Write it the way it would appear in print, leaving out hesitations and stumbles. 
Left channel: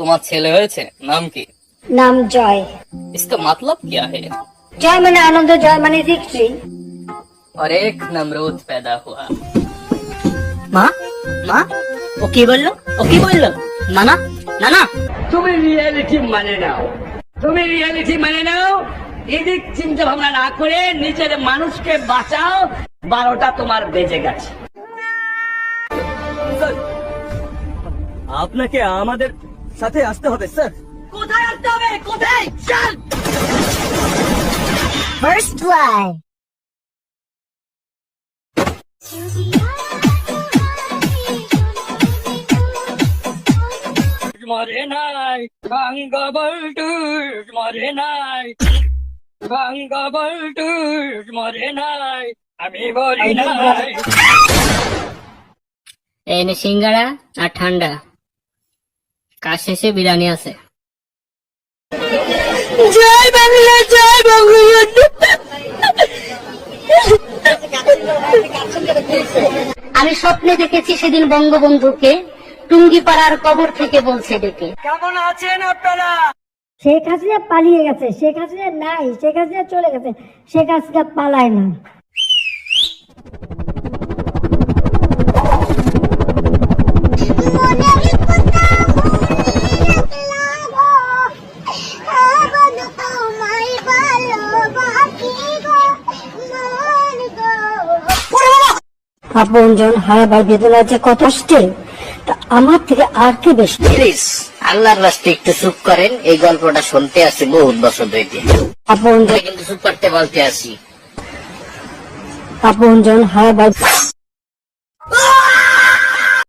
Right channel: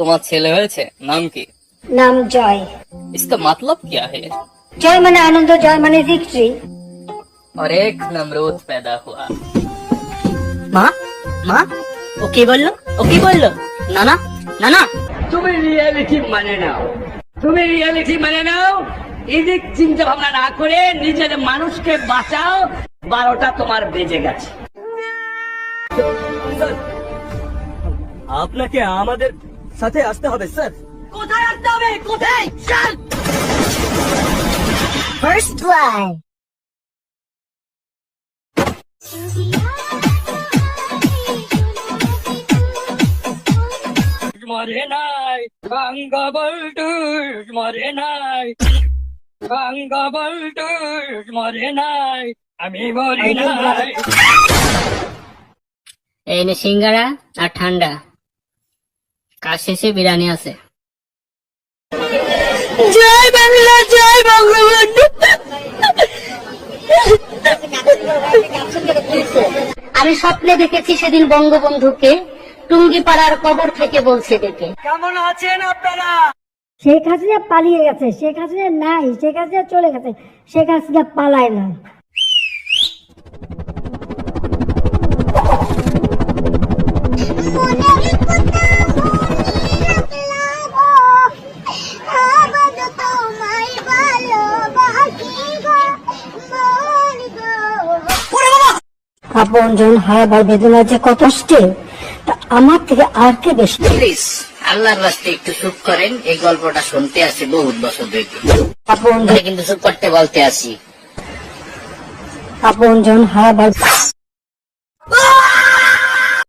তোমার ছেলে হয়েছে, নাম কি? नाम जॉय। इसका मतलब क्या है? जॉय माने आनंद, जॉय माने विक्ट्री। और एक नमरूद पैदा हुआ। মা মা ও কি বললো? ও কি বললো? নানা নানা তুমি রিয়েলিটি মানে নাও, তুমি রিয়েলিটি মানে নাও। এদিক চিন্তা ভাবনা না করে নিজের মানুষকে বাঁচাও। 12টা তোমার বেজে গেছে। আপনাকে আমাদের সাথে আসতে হবে স্যার। কোথায় আসতে হবে? কোথায়? চল। First blood। মরে নাই বঙ্গবন্ধু, মরে নাই বঙ্গবন্ধু, মরে নাই, আমি মরি নাই। এই নে সিঙ্গারা আর ঠান্ডা, কাজ শেষে বিরিয়ানি আছে। জয় বাংলা, জয় বঙ্গবন্ধু। আমি স্বপ্নে দেখেছি সেদিন বঙ্গবন্ধুকে টুঙ্গিপাড়ার কবর থেকে বলছে ডেকে। কেমন আছেন আপনারা? শেখ হাসিনা পালিয়ে গেছে, শেখ হাসিনা নাই, শেখ হাসিনা চলে গেছে, শেখ হাসিনা পালায় না। আপনজন হারাবার বেদনা যে কত কষ্টে, তা আমার থেকে আর কে বেশি। প্লিজ আল্লাহর রাস্তে একটু চুপ করেন, এই গল্পটা শুনতে আসি বহুত বছর ধরে, আপনজন কিন্তু চুপ করতে বলতে আসি। আপনজন হারাবার